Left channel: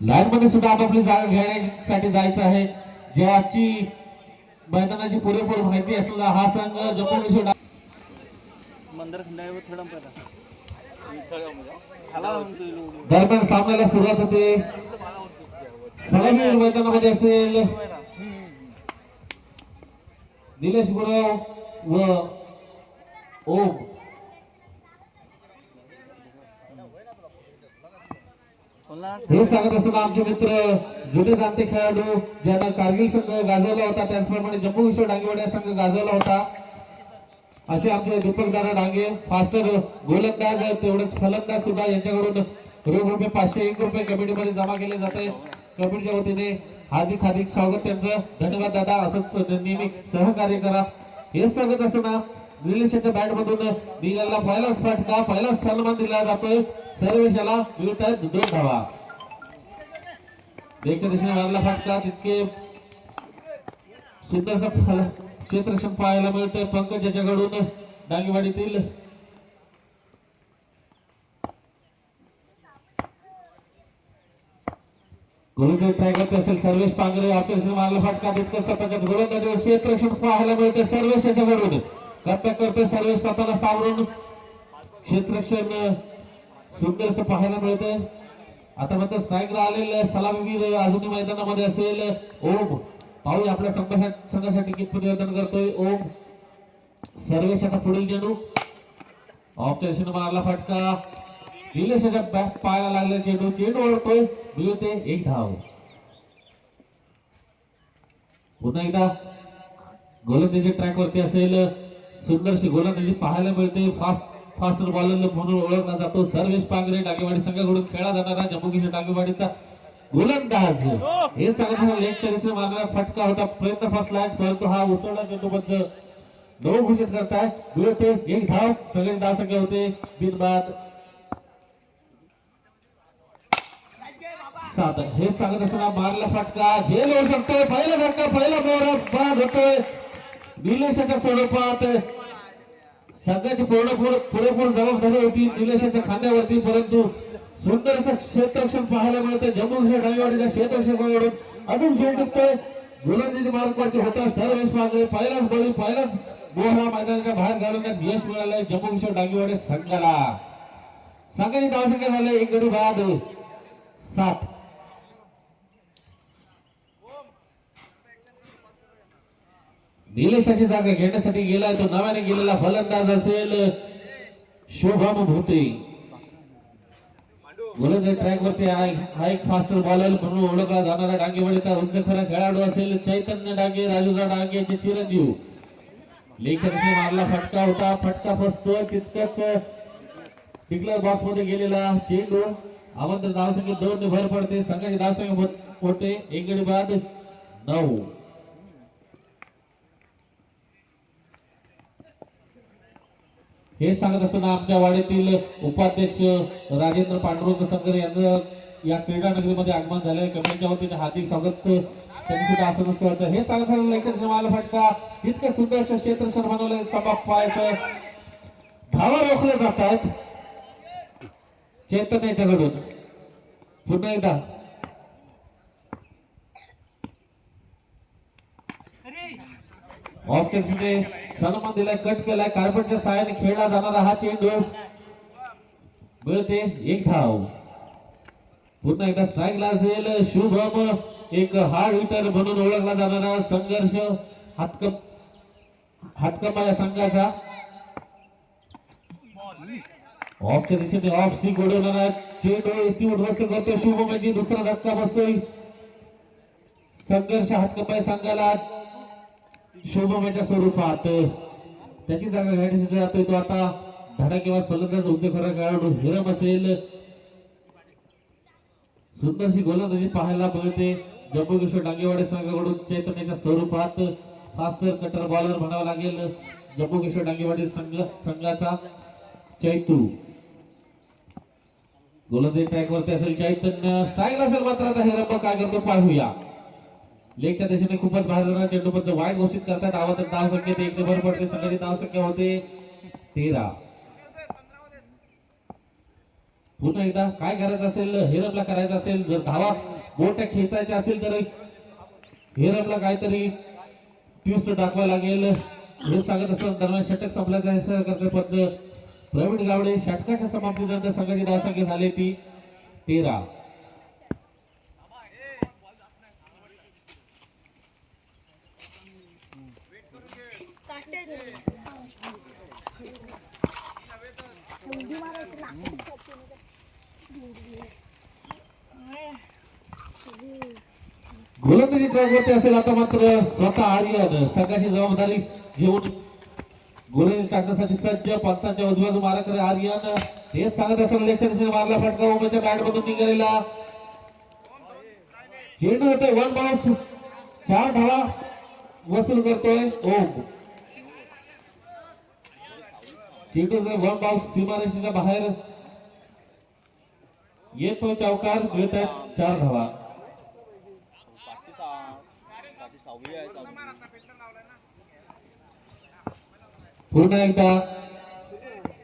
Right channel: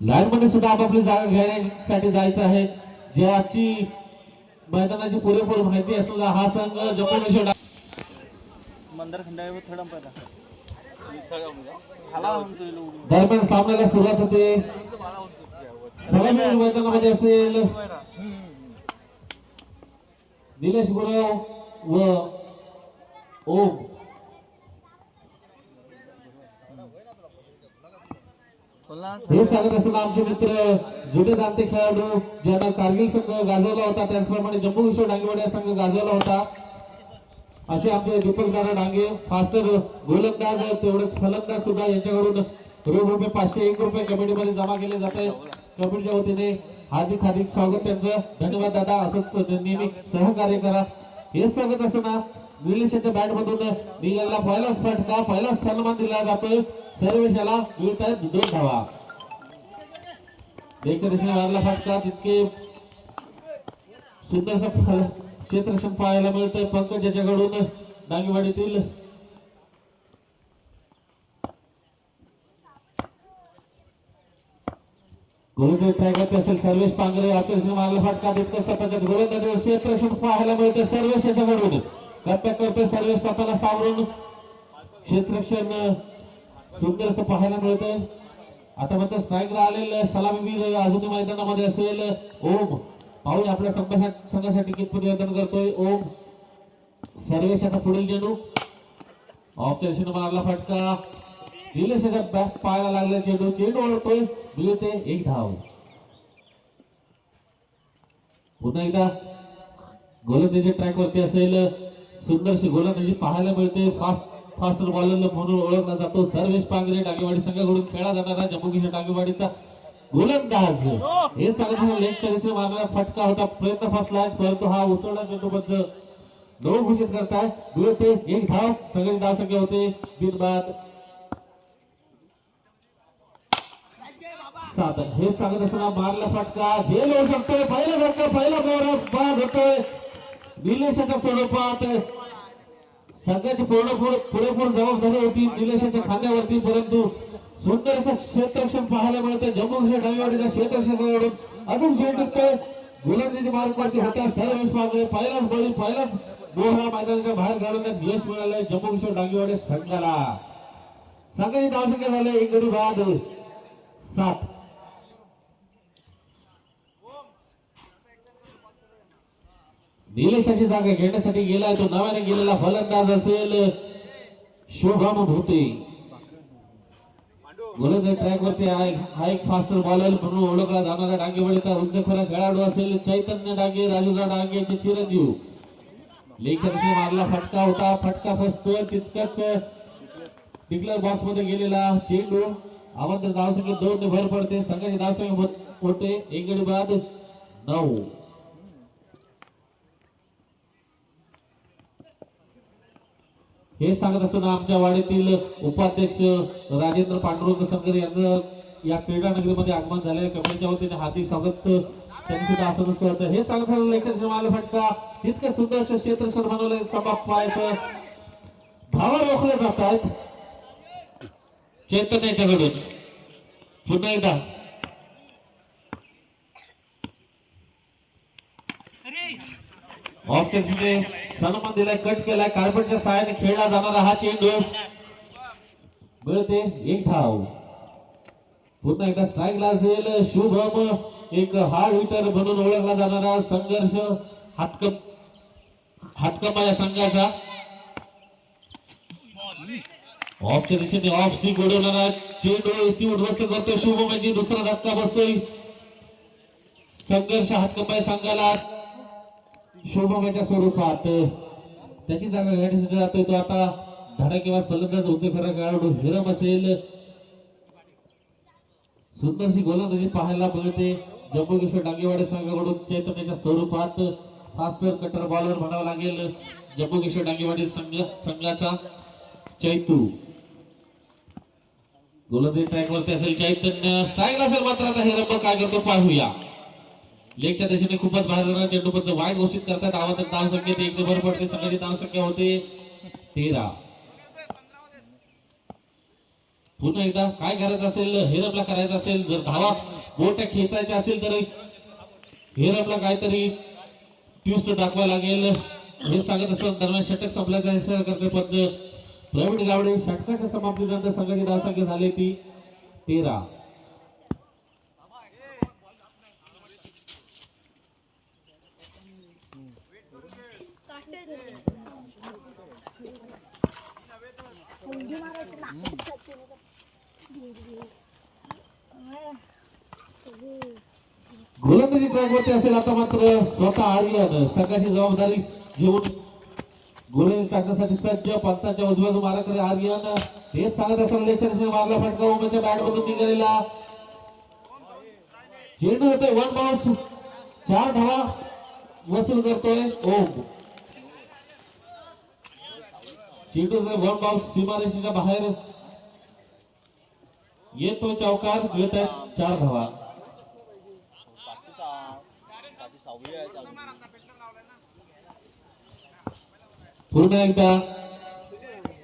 लाईनमध्ये सुद्धा आपापली जागा घेण्यासाठी जायचं आहे. जे आजची मैदानाची पुरेपूर माहिती असलेला हा संघ लोक. दरम्यान सामन्याला सुरुवात होते. सलामी मैदानामध्ये असेल निलेश गुरव व ओम. हे सांगत असताना आमचे मित्र जुने जाणते खेळाडू ज्यांना कारगिल संघ गाजवला होता त्याचप्रमाणे जम्मू विश्व डांगेवाड्या संघ गाजवला होता. असे आमचे दीपक दादा डांगे फास्टर गोलंदाज तेवढेच फलंदाज सुद्धा यांच्याकडून रोख रुपये पाचशे एक रुपये कमिटीमध्ये जमा केले जाते कमिटीच्या वतीने हार्दिक हार्दिक स्वागत त्यांचं. धन्यवाद दादा असं नेहमी सहकार्य करा. हे सांगत असताना निलेशाच्या बॅट मधून निघालेला पहिलाच फटका पहिलाच सन्मान दिला जातोय. सर्वेशाला मिळत आहेत दोन धावा एकच्या दिशेने मारला फटका तितके सुंदरसा क्षेत्रक्षण पाहायला मिळतंय. पंकज याच्याकडून डांगेवाडीतील गोलंदाज ट्राय करते असेल सर्वेश पांगरे ऑपरेशन मारला फटका तितकं सपाच्यात गोलंदाजीवर क्षेत्रक्षण पाहायला मिळते सर्वेश याच्याकडून. कर्त्या करते सर्वेश स्वतःला सावरून. सुंदर सुंदरच पाहायला मिळतंय. आता फक्त स्ट्राईकला आलेलं सलामीवीर अजूनही मैदानामध्ये असेल. ओम पाहूया आपल्या संघासाठी कितपत निवेदन करतोय. ओम सर्वेश आता पुढील चेंडू ऑप्शन मारला फटका. निलेशाच्या बॅट पाहायला लागले. चेंडू चेंडू ओढतोय मिळते एक धाव. पुन्हा एकदा गोलंदाजी ट्रॅक वरती असेल. सुंदरशी गोलंदाजी पाहायला मिळते फास्ट फास्ट बॉलर म्हणून ओळखला जातो. सर्वेश पांगरे डागेवाडी संघाकडून खेळला जाणारा जम्मू किशोर डागेवाडीचा गोलंदाज. हे सांगितलं लेगच्या दिशेने मारणारा फटका होता. प्रयत्न फसला परंतु हा उसळला चेंडू नऊ घोषित करताय. मिळते एक धाव. सगळे धाव संख्या होते. दिन बाद सात. हे सांगत असताना मारला फटका. झेल येऊ शकतोय पहिला फटका पहिला बोर बाद होतोय. निलेशाच्या स्वरूपात संघाची पूर्ण पुरेपूर जबाबदारी होती निलेशाच्या खांद्यावरती परंतु सुंदर असं क्षेत्ररक्षण पाहायला मिळतं जम्मू काश्मीर डांगेवाडीच्या अजून झेल टिकतोय गोलंदाजी मार्गवरती होता सर्वेश मागले. पहिलाच बळी पहिलाच गोहरा मैदानाच्या बाहेर घालवण्यात यश मिळालंय जम्मू काश्मीर डांगेवाडी संघाला. संघाची धावसंख्या झाल्या एक गडी बाद सात. निलेशाची जागा घेण्यासाठी गेलाय तो. नव्याने गेलेला फलंदाज असेल शोभम भूते. गोलंदाज ट्रॅक वरती हा एक फास्टर बॉलर म्हणून ओळखला जाणारा डांगेवाडीचा उंच खरा खेळाडू असेल चैतन्य डांगे राजूला डांगेचे चिरंजीव. लेगच्या दिशेने मारला फटका होता. फटका फसतोय तितकंच टिकलर बॉक्समध्ये गेलेला चेंडू. आमंत्रण धावसंख्येत दोन ने भर पडते. संघाची धावसंख्या होते. एक गडी बाद नऊ. हे सांगत असताना आमच्या वाडीतील उपाध्यक्ष राजेंद्र पांडुरंग संकर यांचं या क्रीडा नगरीमध्ये आगमन झालंय. कमिटीच्या वतीने हार्दिक स्वागत. त्यांनी सुद्धा असं नसतं होतं. हे सांगत असताना फटका. इतकं सुंदर असं क्षेत्रक्षण बनवलंय. समाप पाहायचं. धावा रोखल्या जात आहेत चैतन्याच्याकडून पुन्हा एकदा. ऑप्शनने सन्मान दिलाय कट केलाय कार्पेटच्या सहाय्याने खेळला जाणारा हा चेंडू. मिळते एक धाव. पुन्हा एकदा स्ट्राईकला असेल शुभम. एक हार्ड हिटर म्हणून ओळखला जाणारा संघर्ष हातकप हातकमा या संघाचा. ऑफच्या दिशेने ऑफ स्टिक उडवणारा चेंडू एसटी उद्ध्वस्त करतोय शुभमची दुसरा धक्का बसतोय. संघर्ष हातकपाय संघाला. शोभमेच्या स्वरूपात. त्याची जागा घेण्यासाठी जातोय तो आता. धडाकेवर फलंदाज उद्योग खरा खेळाडू हिरम असेल. सुंदरशी गोलंदाजी पाहायला मिळते. जम्मू किशोर डांगेवाडी संघाकडून चैतन्याच्या स्वरूपात. फास्टर कटर बॉलर म्हणावं लागेल. जम्मू किशोर डांगेवाडी संघ संघाचा चैतू. गोलंदाजी ट्रॅक वरती असेल चैतन्य. स्ट्राईक असेल मात्र आता हिरम. काय करतो पाहूया. लेगच्या दिशेने खूपच बाहेर जाणार. वाईट घोषित करतात. आवाज धाव संख्येत एक भर पडते संघाची धाव संख्या होते. तेरा. पुन्हा एकदा काय करायचं असेल? हेरपला करायचं असेल. जर धावा मोठ्या खेचायच्या असेल तर हेरपला काहीतरी ट्विस्ट दाखवायला लागेल. हे सांगत असताना दरम्यान षटक संपल्याचा हे पंच प्रवीण गावडे षटकाच्या समाप्तीनंतर संघाची धावसंख्या झाली ती तेरा. उडी मारायचं नाकात म्हणजे गोलंदाजी ट्रॅकवरती असेल आता मात्र स्वतः आर्यन. संघाची जबाबदारी घेऊन गोलंदाजी टाकण्यासाठी सज्ज पंचांच्या उजव्याचा मारा करे आर्यन. हे सांगत असताना लेच्या मारला फटका उमेच्या बॅट मधून निघालेला. चेंडू होतोय वन बाउन्स चार धावा वसूल करतोय. ओम. चेंडू वन बाउन्स सीमारेषेच्या बाहेर येतो चौकार येत आहेत चार धावा. पुन्हा एकदा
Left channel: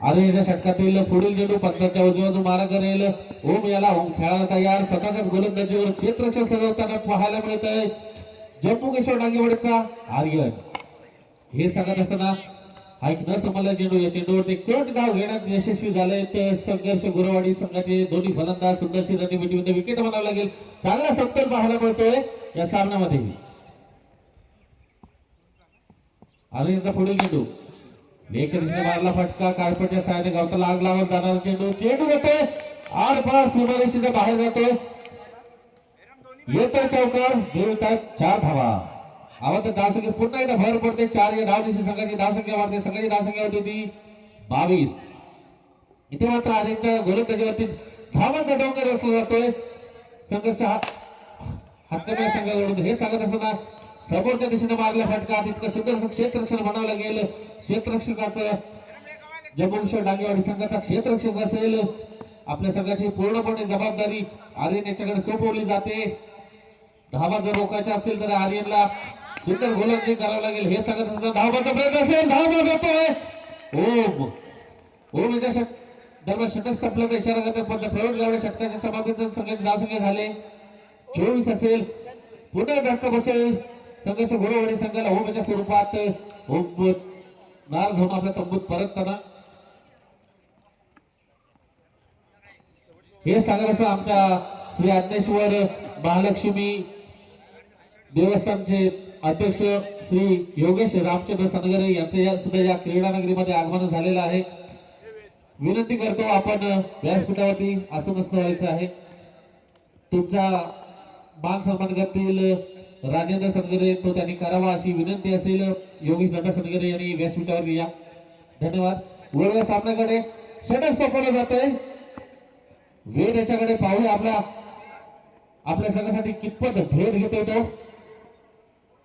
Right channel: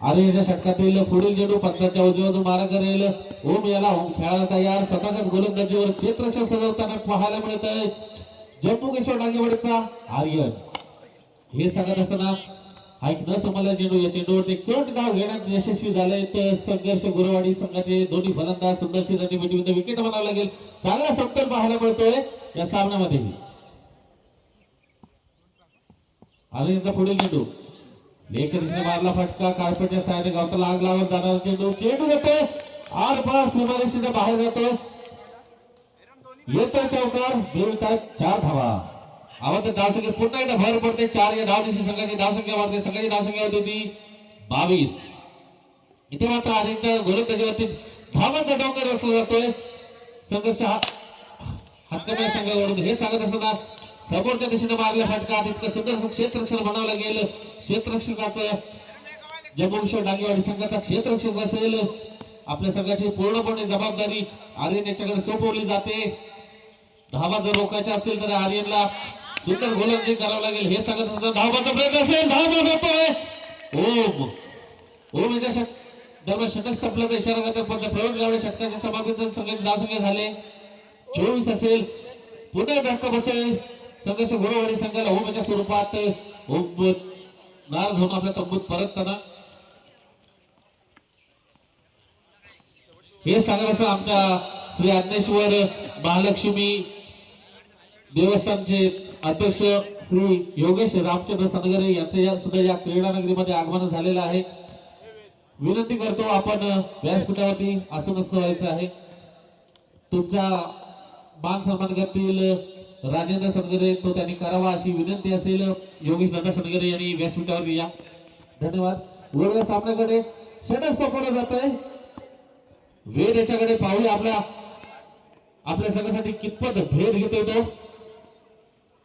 अरे याच्या षटकातील पुढील चेंडू पंचाच्या उजव्यातून मारा करेल ओम याला ओम खेळायला तयार. स्वतःच्या गोलंदाजीवर क्षेत्रक्षण सजवताना पाहायला मिळत आहे. जम्मू किशोर डांगेवाडीचा आर्यन. हे सांगत असताना ऐक न समजला चेंडू या चेंडूवरती एक चोट गाव घेण्यात यशस्वी झाले तर संघर्ष गुरुवाडी संघाचे दोन्ही फलंदाज सुंदरशी रणनीतीमध्ये विकेट बनावं लागेल. चांगला सप्तर पाहायला मिळतोय या सामन्यामध्ये. अरे यांचा पुढील चेंडू लेखरीने मारला फटका कार्पेटच्या सहाय्याने गावताला आग लावत जाणार चेंडू चेंडू येते आर पार सीमारेषेच्या बाहेर जातो येतो चौकार मिळत आहेत चार धावा. आवाज धावसंख्या पुन्हा एकदा भर पडते. चार या धाव दिवशी संघाची धावसंख्या वाढते. संघाची धावसंख्या होती. ती बावीस. इथे मात्र आधीच्या गोलंदाजीवरती धावांचा डोंगर रचला जातोय. संघर्ष हात हक्कमेळ संघाकडून. हे सांगत असताना समोरच्या दिशेने मारल्या फटका. तितकं सुंदर क्षेत्ररक्षण बनावलं गेलं क्षेत्ररक्षकाचं जम्मू डांगेवाडी संघाचा क्षेत्ररक्षक असेल. आपल्या संघाची पूर्णपणे जबाबदारी आर्यन याच्याकडे सोपवली जाते. धावा जर रोखायच्या असेल तर आर्यनला सुंदर गोलंदाजी करावं लागेल हे सांगत असताना धावबाचा प्रयत्न असेल. धावबा होतोय ओम. ओम याच्या दरम्यान षटक संपल्याचा इशारा करतात पण प्रवीण गावडे षटकाच्या समाप्तीतून संघाचे धावसंख्या झाले. चोवीस असेल. पुन्हा जास्त बसेल. संघर्ष गुरुवाडी संघाला ओमच्या स्वरूपात ओम नार घेऊन आपल्या तंबूत परतताना. हे सांगत असताना आमच्या श्री अज्ञेश्वर महालक्ष्मी देवस्थानचे अध्यक्ष श्री योगेश रामचंद्र सनगरे यांचे या सुद्धा या क्रीडा नगरीमध्ये आगमन झालेलं आहे. विनंती करतो आपण व्यासपीठावरती आसनस्थ व्हायचं आहे. तुमचा मान सन्मान करतील राजेंद्र सनगरे तो त्यांनी करावा अशी विनंती असेल. योगेश नंदा सनगरे यांनी व्यासपीठावर या. धन्यवाद. वर सामन्याकडे. षटक सोपवलं जात आहे. वेद याच्याकडे पाहूया आपल्या आपल्या सगळ्यासाठी कितपत भेद घेतोय तो.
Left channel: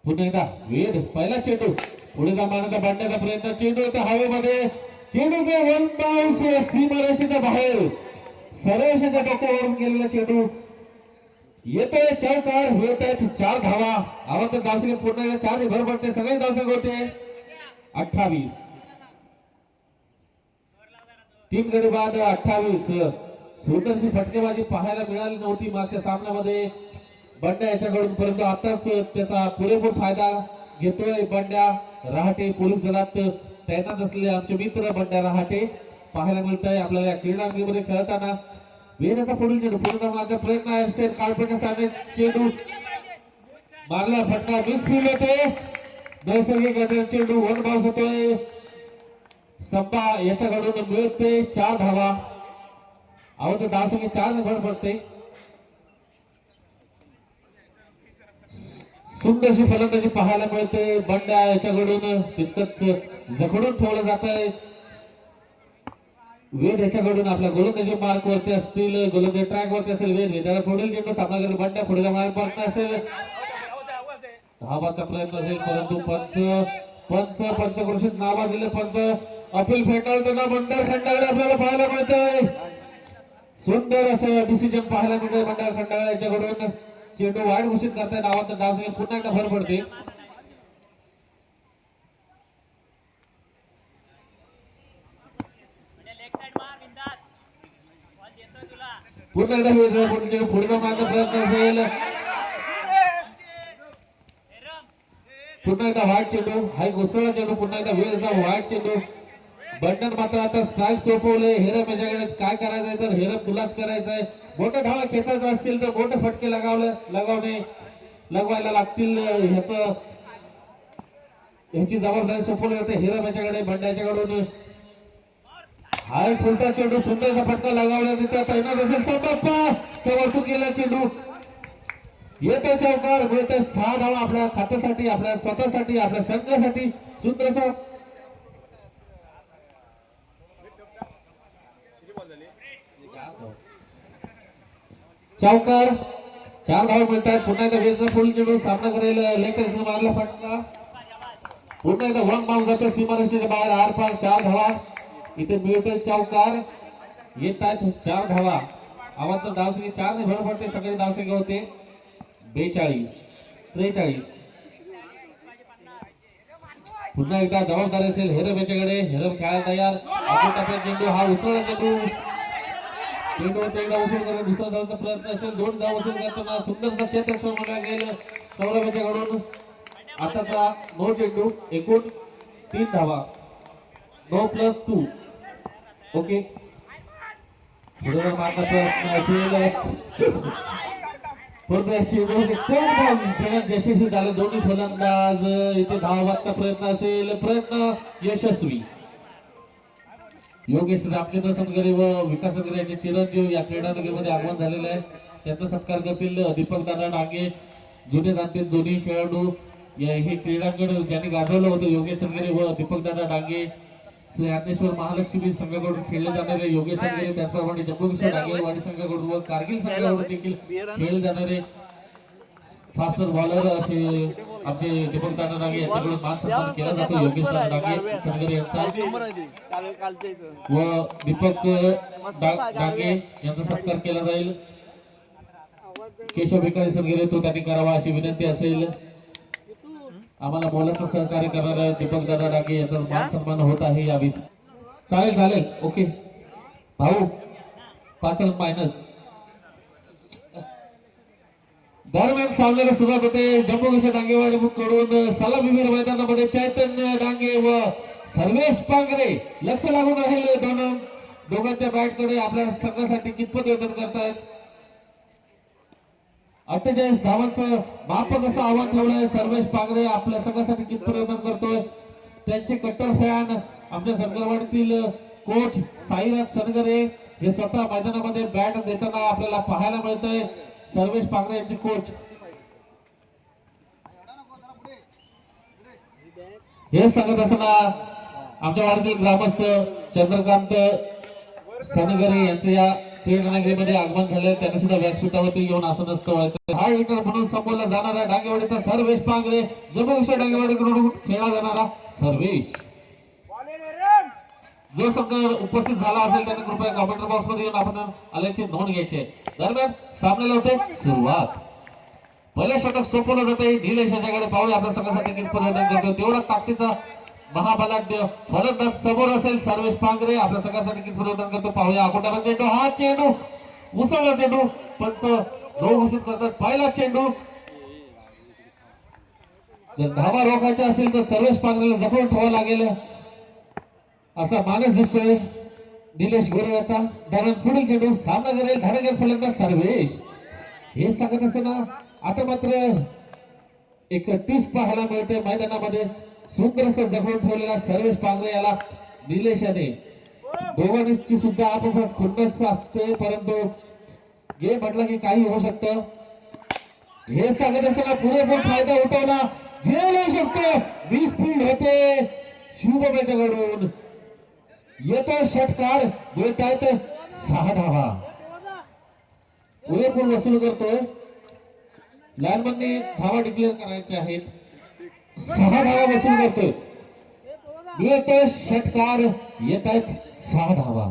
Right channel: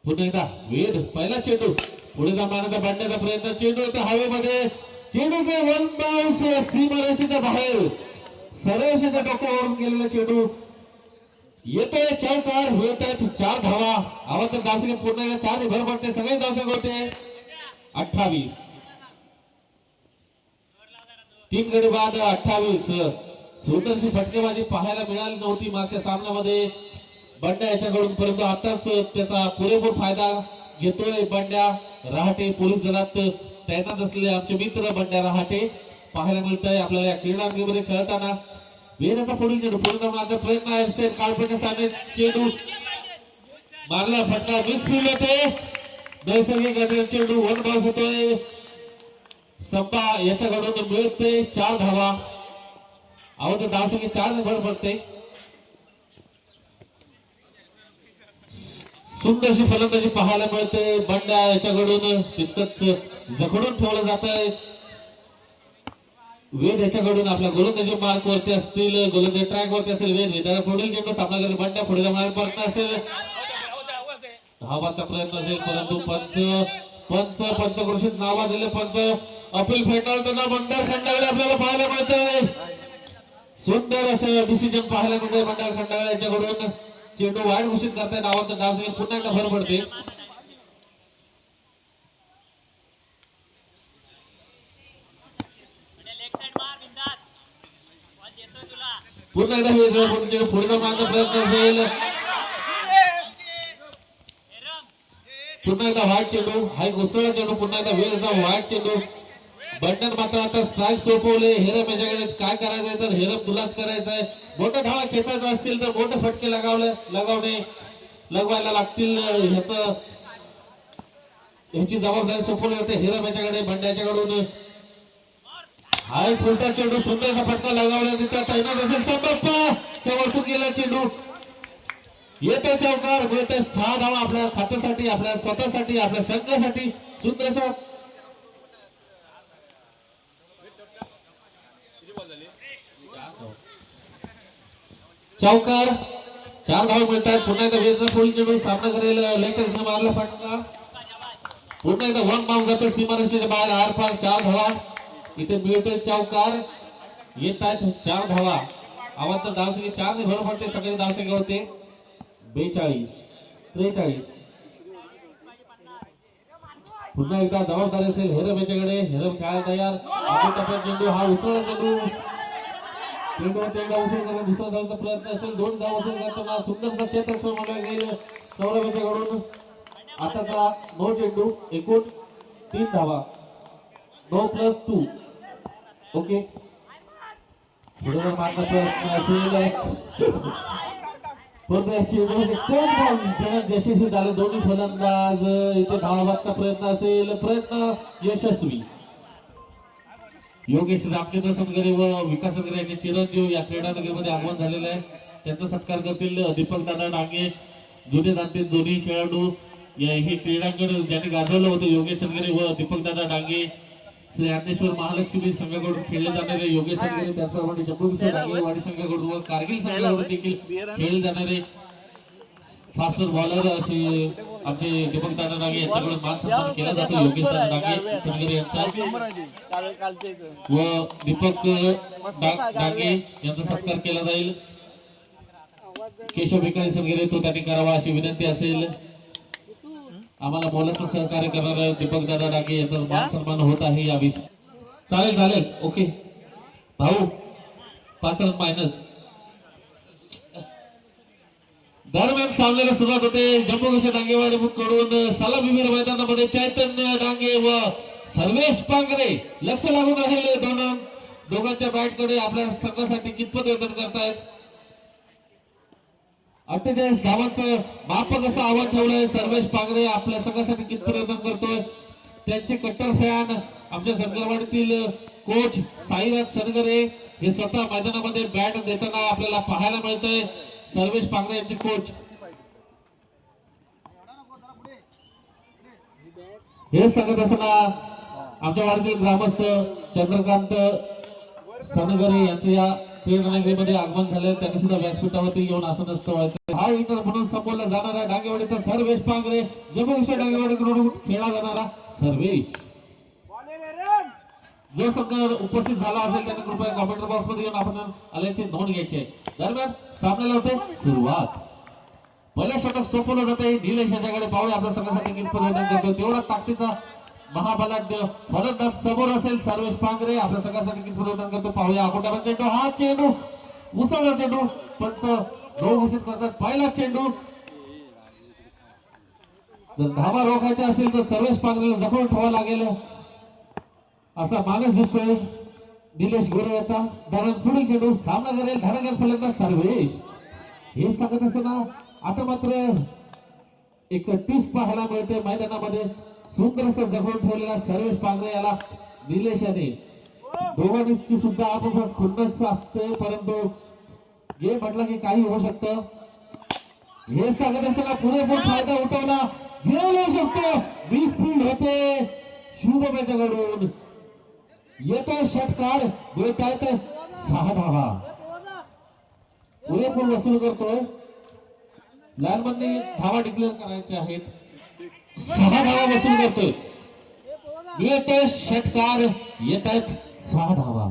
पुन्हा एकदा वेद पहिला चेंडू. पुढे जाणारा बांधण्याचा प्रयत्न. चेंडू येतो हवेमध्ये. चेंडू वन बाउन्स सीमारेषेच्या बाहेर. सरळरेषेच्या डोक्यावरून केलेला चेंडू. येतोय चार चौकार होत आहेत चार धावा. आवाज धावसंख्या पूर्ण एकदा चार भर पडते. सगळे धावसंख्या होते. अठ्ठावीस. तीन गडी बाद अठ्ठावीस. सुंदरशी फटकेबाजी पाहायला मिळाली नव्हती मागच्या सामन्यामध्ये. बंड्या याच्याकडून परंतु आताच त्याचा पुरेपूर फायदा घेतोय बंड्या रहाटे पोलीस दलात. तैनात असलेले आमचे मित्र बंड्या रहाटे पाहायला मिळत आहे आपल्याला या क्रीडांगीमध्ये खेळताना. वेदाचा पुढील चेंडू पुढे मारण्याचा प्रयत्न आहे. असेल चेंडू मारला फटका वीस फील्ड होते नैसर्गिक चेंडू वन बाउन्स होतोय. संपा याच्याकडून मिळते चार धावा. अवध धावसंख्या चार भर पडते सुंदरशी फलंदाजी पाहायला मिळते बंड्या याच्याकडून तितकंच जखडून ठेवलं जात आहे वेद याच्याकडून आपल्या गोलंदाजी मार्क वरती असतील गोलंदाजी ट्रॅक वरती असेल वेद वेदाला पुढील चेंडू सामना करेल बंड्या पुढील मार्क प्रयत्न असेल. धावाचा प्रयत्न असेल परंतु पंच पंच पंचकृषीत नावा दिले पंच अपील फेटाळताना मंडळ खंडाकडे आपल्याला पाहायला मिळतंय. सुंदर असं डिसिजन पाहायला मिळतंय मंडळ खंडाकडे याच्याकडून. चेंडू वाईट घोषित करताय नावाचा डाव सगळं पुन्हा एकदा भर पडते. पुन्हा एकदा वेगळं पुढे चेंडू पुढे जाऊन मारण्याचा प्रयत्न असेल पुन्हा एकदा वाईट चेंडू हा घुसळा चेंडू पुन्हा एकदा वेळ वाईट चेंडू. बंडन मात्र आता स्ट्राईक सोपवले. हेरम याच्याकडे काय करायचंय तर हेरम गुलाच करायचंय. मोठं धावा खेचायचं असतील तर मोठे फटके लगावले लगावणे लगवायला लागतील. ह्याच ह्याची जबाबदारी सोपवली जाते. हेरम याच्याकडे बंड्याच्याकडून हा एक फुलटा चेंडू. सुंदरचा फटका लगावला. तिथं तैनात असेल संदप्पा तेव्हा गेला चेंडू. येते चौकार. मिळते सहा धावा आपल्या खात्यासाठी आपल्या स्वतःसाठी आपल्या संघासाठी. सुंदरचा चौकार चार धाव मिळतात. पुन्हा एकदा वेदना फुल निवडून सामना करेल लेकर मारला फटका पुन्हा एकदा वन बाउंड जातो सीमारेषेच्या बाहेर. आर पार चार धावा इथे मिळतोय चौकार येत आहेत चार धावा आवाज तर धावसंख्या चार ने भर पडते. सगळे धावसंख्या होते. बेचाळीस. त्रेचाळीस. पुन्हा एकदा जबाबदारी असेल हेरम याच्याकडे. हेरम खेळायला तयार. हा उसळला चेंडू. चेंडूवरती एकदा उशीर करून दुसरा धावचा प्रयत्न असेल दोन धाव उशीर करताना सुंदर क्षेत्र म्हणलं गेलं सौरभ याच्याकडून आताचा नऊ चेंडू एकूण तीन धावा. नऊ प्लस टू ओके पुढे मारण्याचा प्रयत्न असेल. पुढे चेंडू चौपन्न यशस्वी झाले दोन्ही फलंदाज. इथे धावाचा प्रयत्न असेल. प्रयत्न यशस्वी. योगेश रामचंद्र सनगरे व विकास सनगरे यांचे चिरंजीव या क्रीडानगरीमध्ये आगमन झालेलं आहे. त्यांचा सत्कार करतील दीपक दादा डांगे जुने दाते दोन्ही खेळाडू या हे क्रीडांगण ज्यांनी गाजवलं होतं योगेश सनगरे व दीपक दादा डांगे श्री ज्ञानेश्वर महालक्ष्मी संघाकडून खेळले जाणारे योगेश सनगरे त्याचप्रमाणे जम्मू डांगेवाडी संघाकडून व कारगिल संघाकडून देखील खेळले जाणारे फास्टर बॉलर असे आमचे दीपक दादा डांगे यांच्याकडून मान सन्मान केला जातो. योगेश दादा डांगे सनगरे यांचा व दीपक डांगे यांचा सत्कार केला जाईल. केशव भिकारी सनगिरे तो त्यांनी करावा अशी विनंती असेल. आम्हाला बोलायचं सहकार्य करणारा दीपक दादा डांगे यांचा मान सन्मान होत आहे या विस चालेल चालेल. ओके. भाऊ पाच मायनस दरम्यान सामन्याला सुरुवात होते. जम्मू विषय डांगेवाडी कडून सलाम विहीर मैदानामध्ये चैतन्य डांगे व सर्वेश पांगरे लक्ष लागून राहिले दोन दोघांच्या बॅटकडे आपल्या संघासाठी कितपत योगदान करतायत? अठ्ठेचाळीस धावांचं मापक असं आव्हान ठेवलंय. सर्वेश पांगरे आपल्या संघासाठी कितपत वेतन करतोय? त्यांचे कट्टर फॅन आमच्या संघवाडीतील कोच साईनाथ सनगरे हे स्वतः मैदानामध्ये बॅट देताना आपल्याला पाहायला मिळतंय. सर्वेश पांगरे यांचे कोच. हे सांगत असताना आमच्या ग्रामस्थ चंद्रकांत सनगरे यांचं या क्रीडानगरीमध्ये आगमन झालं. त्यांनी सुद्धा व्यासपीठावरती येऊन आसन असतो. हा इंटर म्हणून संबोधला जाणारा डांगेवाडीचा सर्वेश पांगरे जम्मू डांगेवाडीकडून खेळला जाणारा सर्वेश. जो संघ उपस्थित झाला असेल त्यांनी कृपया कॉम्प्युटर बॉक्समध्ये येऊन आपण आल्याची नोंद घ्यायची आहे. दरम्यान सामन्याला होते सुरुवात. पहिले षटक सोपवलं जाते. निलेश याच्याकडे पाहूया. आपल्या सगळ्यासाठी कितपत करतो तेवढा ताकदीचा महाबलाढ्य फलंदाज समोर असेल सर्वेश पांगरे. आपल्या सगळ्यासाठी कितपत करतो पाहूया. अकोटाला चेंडू हा चेंडू. उसळला चेंडू. पंच दोन घोषित करतात. पहिला चेंडू. जर धाबा रोखायचा असेल तर सर्वेश पांगरेला जखून ठेवावं लागेल. असा मानस दिसतोय. निलेश गोरे याचा. दरम्यान पुढील चेंडू. सामना करेल धडकेल फलंदाज सर्वेश. हे सांगत असताना आता मात्र एक ट्विस्ट पाहायला मिळते मैदानामध्ये. सुंदर असं ठेवलेला सर्वेश पांगरे याला निलेशाने दोघांची सुद्धा आपोआप खुन्नस असते परंतु गे म्हटलं की काही होऊ शकतं. हे सांगत असताना पुरेपूर फायदा उठवला जे येऊ शकतो वीस फील्ड होते. शुभमेच्याकडून येतो षटकार देत आहेत सहा धावा. पुरेपूर वसूल करतोय. लहानपणी धावा डिक्लेअर करायचे आहेत. सहा धावा वसूल करतोय मिळतोय षटकार येत आहेत सहा धावा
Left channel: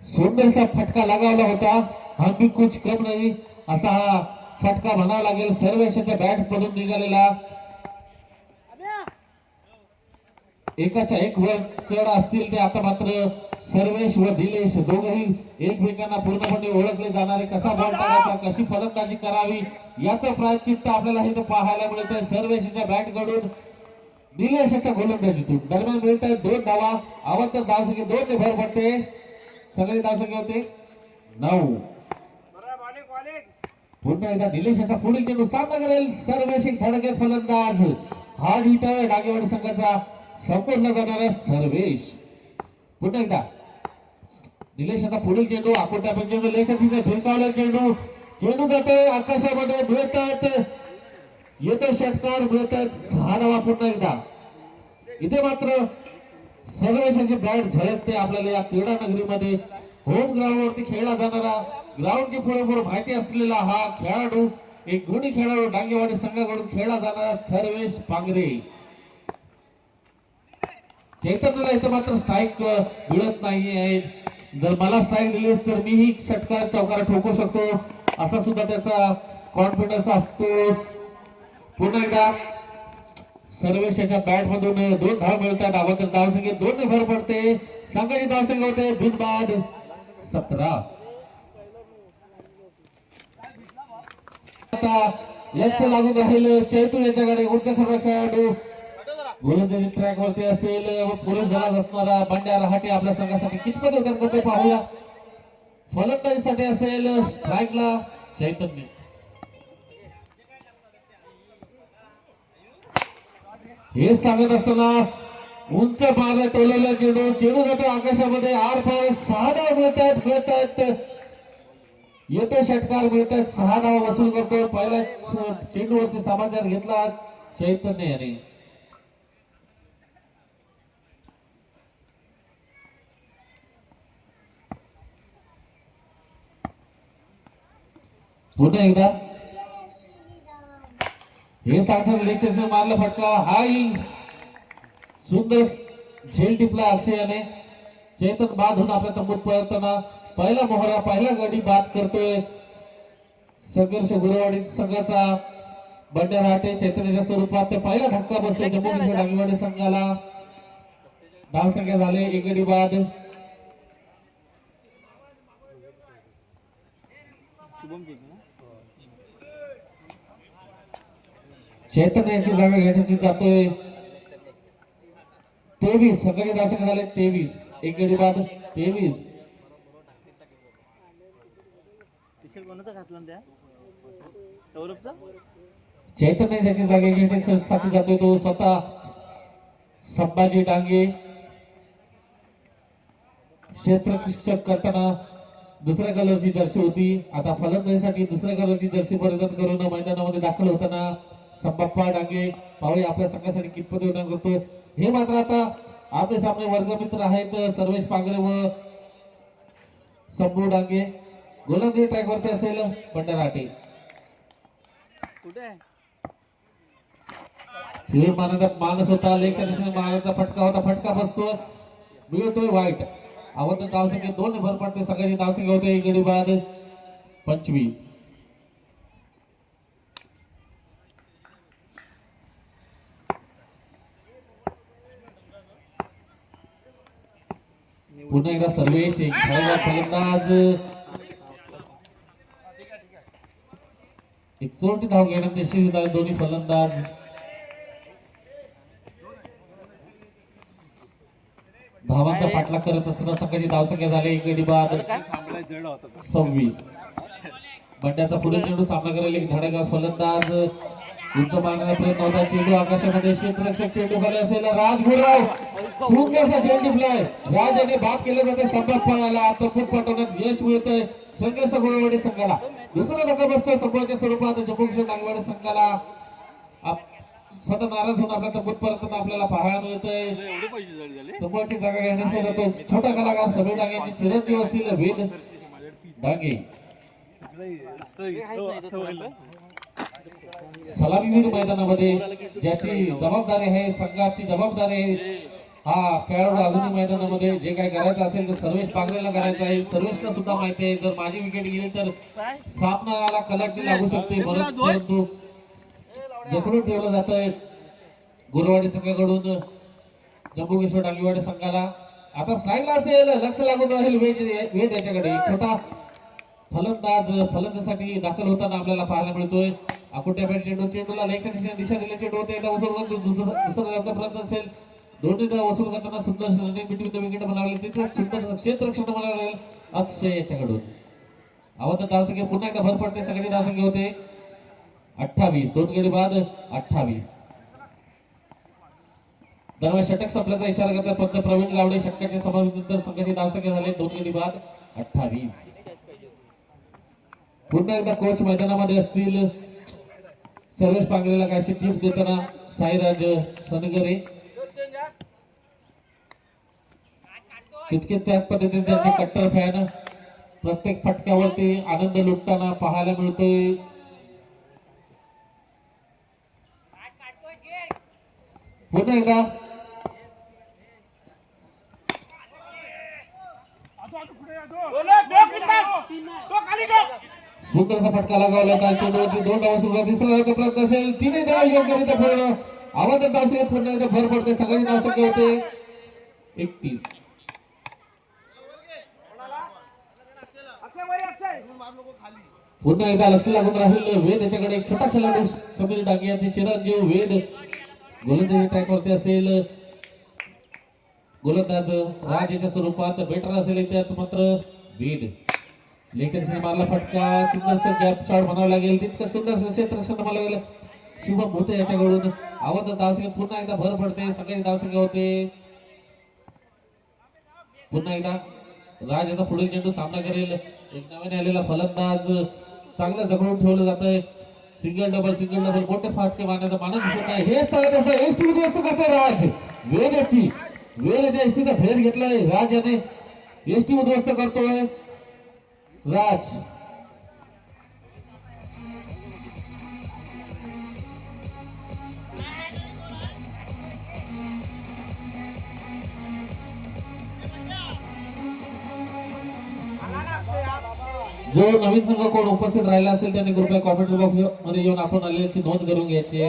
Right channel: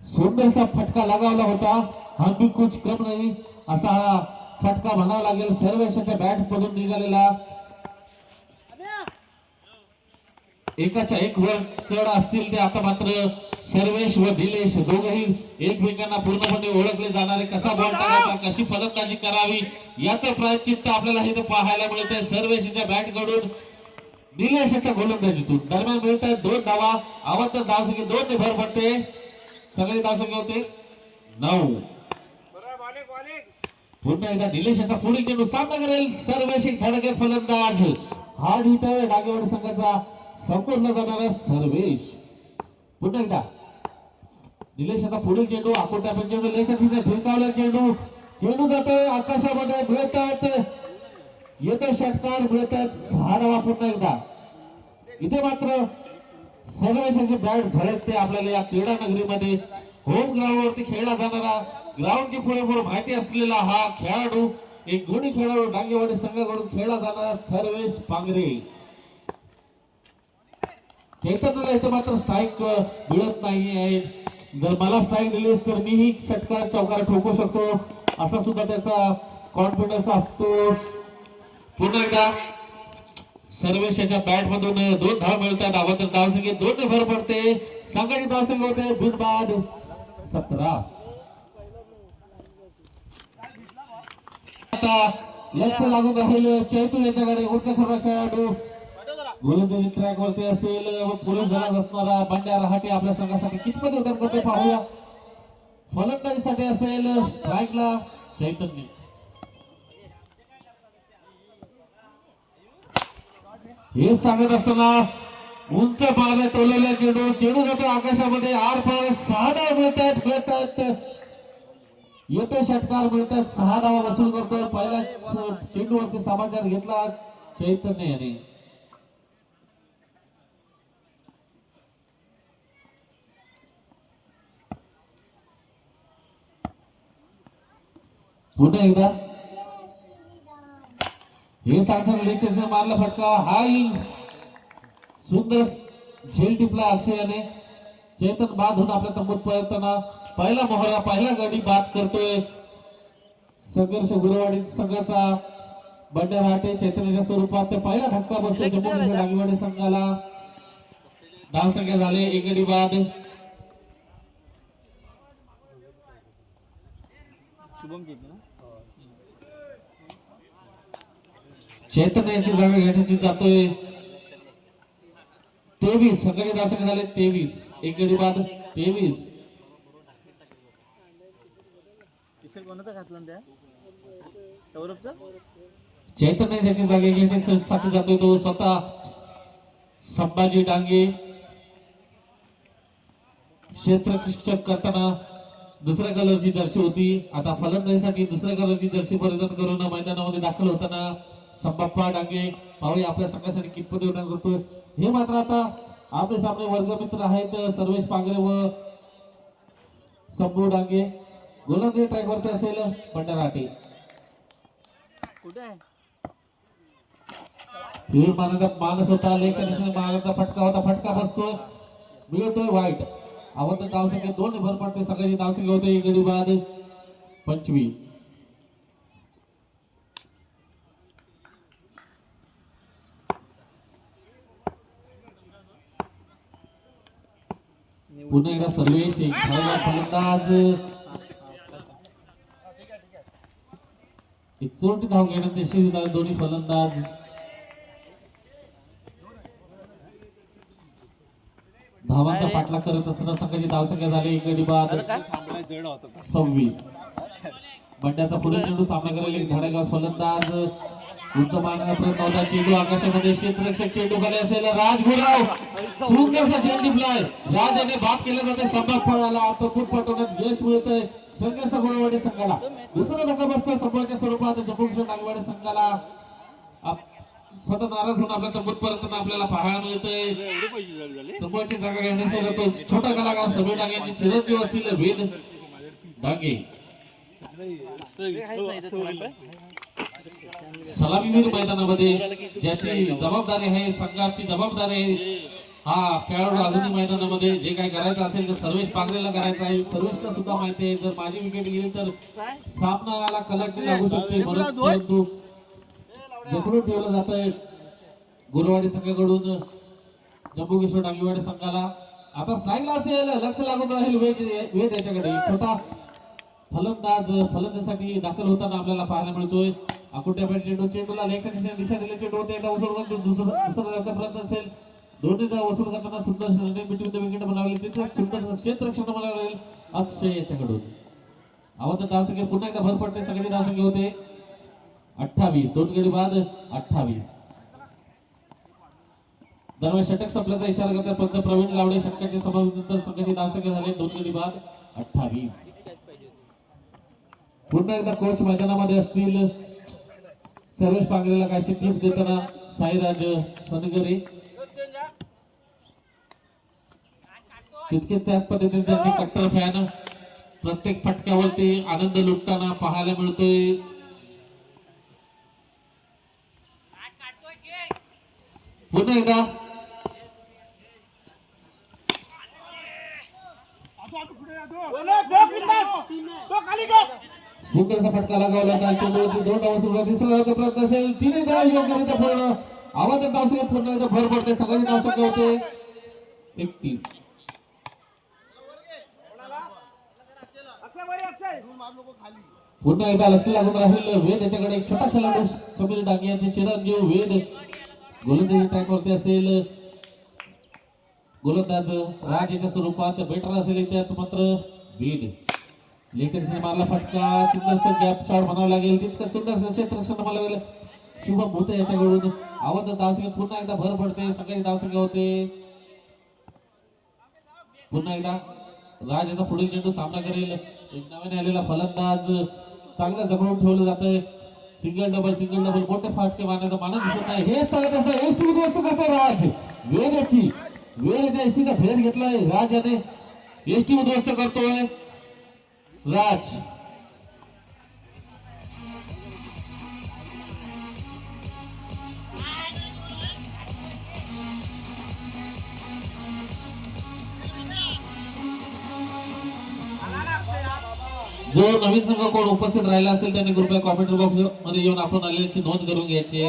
सुंदरसा फटका लगावला होता. आम्ही कुछ कम नाही असा हा फटका म्हणावा लागेल. सर्वेशाच्या बॅट पडून निघालेला. एकाच्या एक वर चढ असतील ते आता मात्र सर्वेश व दिलेश दोघही एकमेकांना पूर्णपणे ओळखले जाणारे. कसा बॉल टाकायचा कशी फलंदाजी करावी याचं प्रायचित्त आपल्याला इथं पाहायला मिळत आहे सर्वेशच्या बॅटकडून निलेशाच्या गोलंदाजीतून. दरम्यान मिळत आहे दोन धावा. आवडतं धावसंख्या दोन ने भर पडते. सगळे धावसंख्या होते नऊ. पुन्हा एकदा निलेशाचा पुढील चेंडू सामना करेल सर्वेशी धडकेर फलंदाज. हा इथं डागेवाडी संघाचा संपूर्ण जाणारा सर्वेश. पुन्हा एकदा. निलेशाचा पुढील चेंडू आकोटा चेंडू लेखाची फिरकावला चेंडू. चेंडू जातो आकाशामध्ये मिळतात. येतो षटकार भेटत झाडावा पुन्हा एकदा. इथे मात्र सर्वेशाची बॅट झळकते आपल्याला या क्रीडा नगरीमध्ये. होम ग्राउंड वरती खेळला जाणारा ग्राउंडची पुरेपूर माहिती असलेला हा खेळाडू एक गुणी खेळाडू डांगेवाडी संघाकडून खेळला जाणारा सर्वेश पांगरे. चैतन्यला इथं मात्र स्ट्राईक मिळत नाहीये. जर मला स्ट्राईक दिलीस तर मीही षटकार चौकार ठोकू शकतो. असा सुद्धा त्याचा कॉन्फिडन्स असतो. पुन्हा एकदा सर्वेशाच्या बॅट मधून दोन धाव मिळतात. अगोदर धावसंख्येत दोन भर पडते. संघाची धावसंख्या होते. बिनबाद सतरा. आता लक्ष लागून राहील चैतू यांच्याकडे. उच्च खरं खेळाडू गोलंदाजी ट्रॅक वरती असेल जलाच असणारा बंड्या रहाटे आपल्या संघासाठी कितपत योगदान करते पाहूया. फलंदाजीसाठी असेल स्ट्राईकला चैतन्य. हे सांगत असताना उंच पाहिलं टोलेला चेंडू चेंडू जातो आकाशामध्ये. आर पाय सहा धाव मिळतात मिळतात. येतो षटकार मिळतात. सहा धावा वसूल करतो. पहिल्या चेंडूवरती समाचार घेतला चैतन्य याने. पुन्हा एकदा. हे सांगतात रिलेक्शन मारला फटका. हाय. सुंदर झेल टिपला अक्षय याने चेतन बाद होऊन आपल्या तंबूत पळताना पहिला मोहरा पहिला गडी बाद करतोय. संघर्ष गुरुवाडी संघाचा बंड्या राहते चैतन्याच्या स्वरूपात ते पहिला धक्का बसतो जम्मू काश्मीर संघाला. धाव संख्या झाले. एक गडी बाद शुभम केली ना चैतन्याची जागा घेण्याची जातोय. तेवीस संघाचे संख्या झाले तेवीस. एक गडी बाद तेवीस. सौरभचा? चैतन्याची जागा घेण्यासाठी जातोय तो स्वतः. संभाजी डांगे. क्षेत्ररक्षक करताना दुसऱ्या कलरची जर्सी होती. आता फलंदाजीसाठी दुसऱ्या कलरची जर्सी परिधान करून मैदानामध्ये दाखल होताना संबाप्पा डांगे पाहुळे आपल्या संघासाठी कितपत योगदान करतो हे मात्र आता आपले सामने वर्गमित्र आहेत सर्वेश पांगरे व संभू डांगे. गोलंदाजी ट्रॅक वरती असेल भंडाराटे. हे मानत मानस होता लेखा दिशेने फटका होता फटका बसतो. मिळतोय वाईट. आवडतं धावसंख्या दोन भर पडते सगळ्याची धावसंख्या होते एक गडी बाद पंचवीस. पुन्हा एकदा सर्वेश फलंदाज एक चोरटी धाव घेण्यात यशस्वी दोन्ही फलंदाज. धावांचा पाठला करत असताना संघाची धावसंख्या झाली एक गडी बाद सव्वीस. बंड्याचा पुढे चेंडू सामना करायला एक फलंदाज. उंच पाण्याला प्रयत्न चेंडू आकाशामध्ये क्षेत्ररक्षक चेंडू खाली असेल. राजगुराव सुंदरचा चेंडू टिपलाय राज याने बाप केलं जाते संभाग पळाला आता खूप पाठवण्यात यश मिळतंय. संघर्ष गुणवाडी संघाला. दुसरा धक्का बसतोय संभाच्या स्वरूपात. जपूंश डांगवाडी संघाला स्वतः नाराज होऊन आपल्या तब्बूतपर्यंत आपल्याला पाहायला मिळतंय. एवढे समोरची जागा घेण्यासाठी तो छोटा कलाकार समीर डांगेची चिरंजीव असतील वेद डांगे असं असं- असं होईल. सलामीवीर मैदानामध्ये ज्याची जबाबदारी आहे संघाची जबाबदारी आहे हा खेळाडू अजूनही मैदानामध्ये जे काही करायचं असेल ते सर्वेश पांगरेला करायचं आहे. सर्वेशला सुद्धा माहिती आहे जर माझी विकेट गेली तर सामन्याला कलाटी लागू शकते. परंतु परंतु जखडून ठेवलं जात आहे गुरुवाडी संघाकडून जम्मू किशोर डांगेवाडी संघाला. आता स्ट्राईकला असेल लक्ष लागून राहील वेद वेद याच्याकडे. छोटा फलंदाज फलंदाजीसाठी दाखल होताना आपल्याला पाहायला मिळतोय. अकोट्या बॅट चेंडू चेंडूला लेखच्या दिशा दिली चेंडू एकदा वसूल करून दुसरं प्रयत्न असेल. दोन्हीदा वसूल करताना सुंदर रनिंग बिटवीन द विकेट बनावले तिथे सुंदर क्षेत्ररक्षण बनावले अक्षय याच्याकडून आवत धावसंख्या पुन्हा एकदा भर पडते. सगळी धावसंख्या होते. अठ्ठावीस. दोन गडी बाद अठ्ठावीस. दरम्यान षटक संपल्याचा इशारा करतात पंच प्रवीण गावडे षटकाच्या समावेशानंतर संघाची धावसंख्या झाली. दोन गडी बाद अठ्ठावीस. पुन्हा एकदा कोच मैदानामध्ये असतील. सर्वेश पांगलेला काहीशी टीप देताना साईराज सनगरे. तितके त्याच पद्धतीने त्यांचे कट्टर फॅन. प्रत्येक फटक्यावरती आनंद लुटताना पाहायला मिळतोय. पुन्हा एकदा. सुंदरचा फटका लगावला. त्यांच्या दोन दोन डाव सुरुवात तिसरा डावाचा प्रयत्न असेल. तिने डाव योग्यरित्या पूर्ण. आवाज डाव सुरू पुन्हा भर पडते सगळ्यांची धावसंख्या होते. एकतीस. पुन्हा एकदा लक्ष लागून राहील. वेद याच्याकडे एक छोटा खेळाडू समीर डांगे यांचे चिरंजीव. वेद गोलंदाजी ट्रॅकवरती असेल. गोलंदाज राज याच्या स्वरूपात बेटर असेल त्यात मात्र वेद. लेखन मारला फटका सुंदरचा गॅप शॉट बनावा लागेल. तितकं सुंदर क्षेत्रक्षण बनावं लागेल शुभम भूते याच्याकडून. आवाज धावसंख्या पुन्हा एकदा भर पडते. सकाळी धावसंख्या होते. पुन्हा एकदा राज याचा पुढील चेंडू सामना करेल. एक नव्याने आलेला फलंदाज. चांगलं जमवून ठेवलं जात आहे सिंगल डबल सिंगल डबल. मोठे फाटके मारण्याचा मानस दिसत आहे. हे सांगत असं एस टी उद्ध्वस्त करते राज? वेगाची वेगाच्या एसटीचा फेर घेतलाय. राज याने एस टी उद्ध्वस्त करतोय. राज जो नवीन संघ कोण उपस्थित राहिला असेल त्यांनी कृपया कॉमेंट बॉक्समध्ये येऊन आपण आलेल्याची नोंद करून घ्यायची.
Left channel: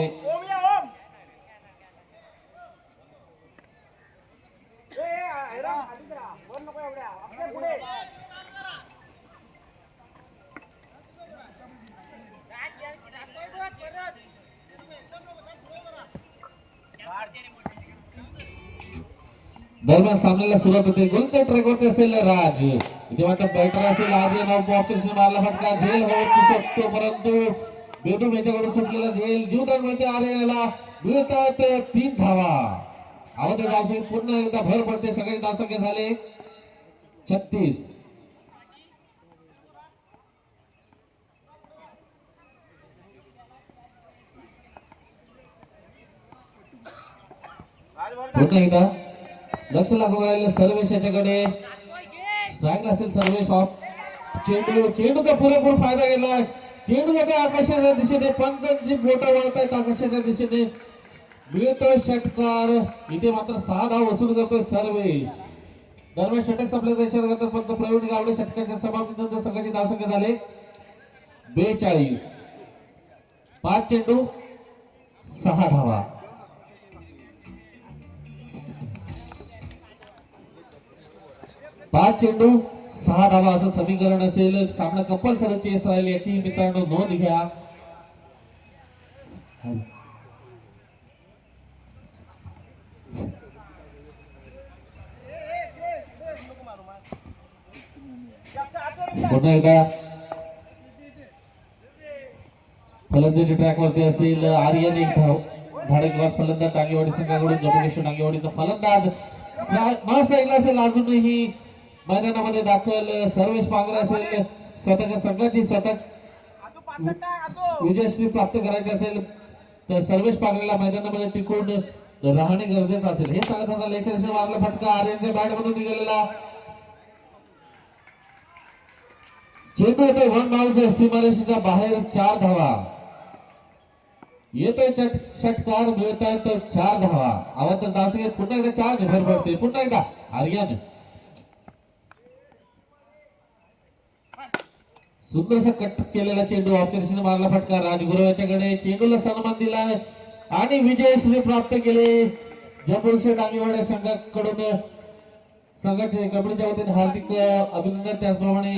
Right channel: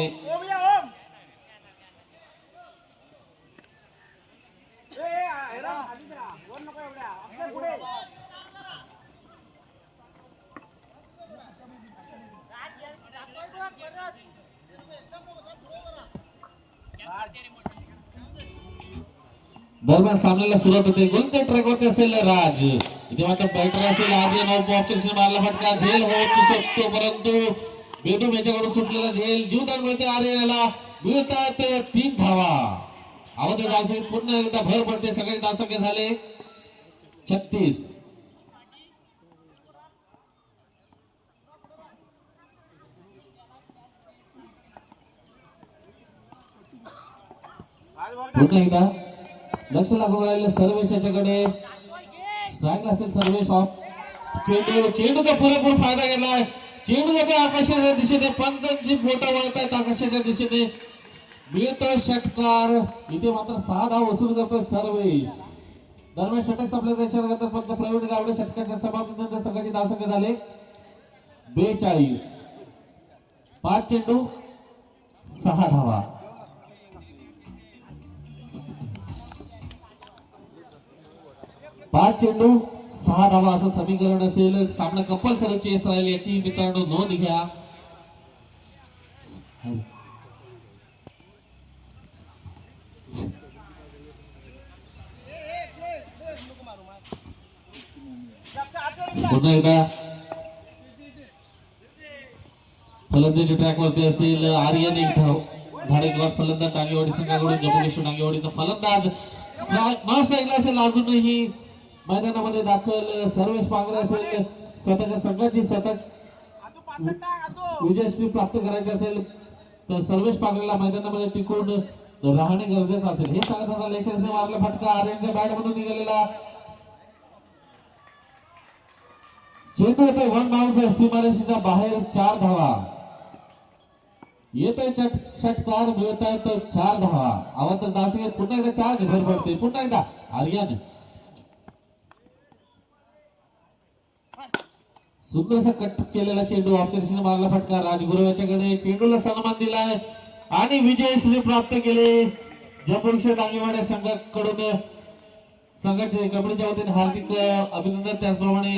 दरम्यान सामन्याला सुरुवात होते. गोलंदाज ट्रॅक वरती असेल राज. इथे मात्र बॅटर असेल आज नऊ ऑप्शन मारला फटका. झेल होत शकतो परंतु बेदम याच्याकडून सुटलेला झेल जीवदान मिळते आरे याला मिळतात तीन धावा. अगोदर धावसंख्येत पूर्ण एकदा भर पडते. सगळे धावसंख्या झाले. छत्तीस. पुन्हा एकदा. लक्ष लागून राहिलं सर्वेश याच्याकडे. स्ट्राईक असेल सर्वेश ऑफ चेंडू चेंडूचा पुरेपूर फायदा गेलाय चेंडू याच्या आकाशाच्या दिशेने पंचांची बोट वळत आहेत आकाशाच्या दिशेने. मिळतो षटकार. इथे मात्र सहा धाव वसूल करतोय सर्वेश. दरम्यान षटक संपल्याचा इशारा करतात पंच प्रवीण गावडे षटकाच्या समाप्तीनंतर दहा धावसंख्या झाले. बेचाळीस. पाच चेंडू सहा धावा. पाच चेंडू सहा धावा असं समीकरण असेल. सामना कंपल्सरी चेस राहील याची. मित्रांनो नोंद घ्या. पुन्हा एकदा. फलंदाजी ट्रॅक वरती असेल. आर्यन एक धाव. धाडेकवार फलंदाज डांगेवाडी संघाकडून जम्मू डांगेवाडीचा फलंदाज. न स्ट्राईकला असेल. अजूनही मैदानामध्ये दाखल सर्वेश पांगरे असेल स्वतःच्या संघाची शतक विजयश्री प्राप्त करायची असेल तर सर्वेश पांगरेला मैदानामध्ये टिकून राहणे गरजेचं असेल. हे सांगत होता लेक्शन मारला फटका आर्यनच्या बॅट मधून निघालेला. चेंडू येतोय वन बाउन्स सीमारेषेच्या बाहेर चार धावा. येतोय चट षटकार मिळत आहेत चार धावा. आवाज तर दास घेत पुन्हा एकदा चार घर पडते. पुन्हा एकदा आर्यन सुंदरसा कट केलेला चेंडू ऑप्शन मारला फटका राजगुरू याच्याकडे चेंडूला सन्मान दिलाय. आणि विजयश्री प्राप्त केले. जयपूरक्षा डांगेवाडे संघाकडून संघाचे कबड्डीच्या वतीने हार्दिक अभिनंदन. त्याचप्रमाणे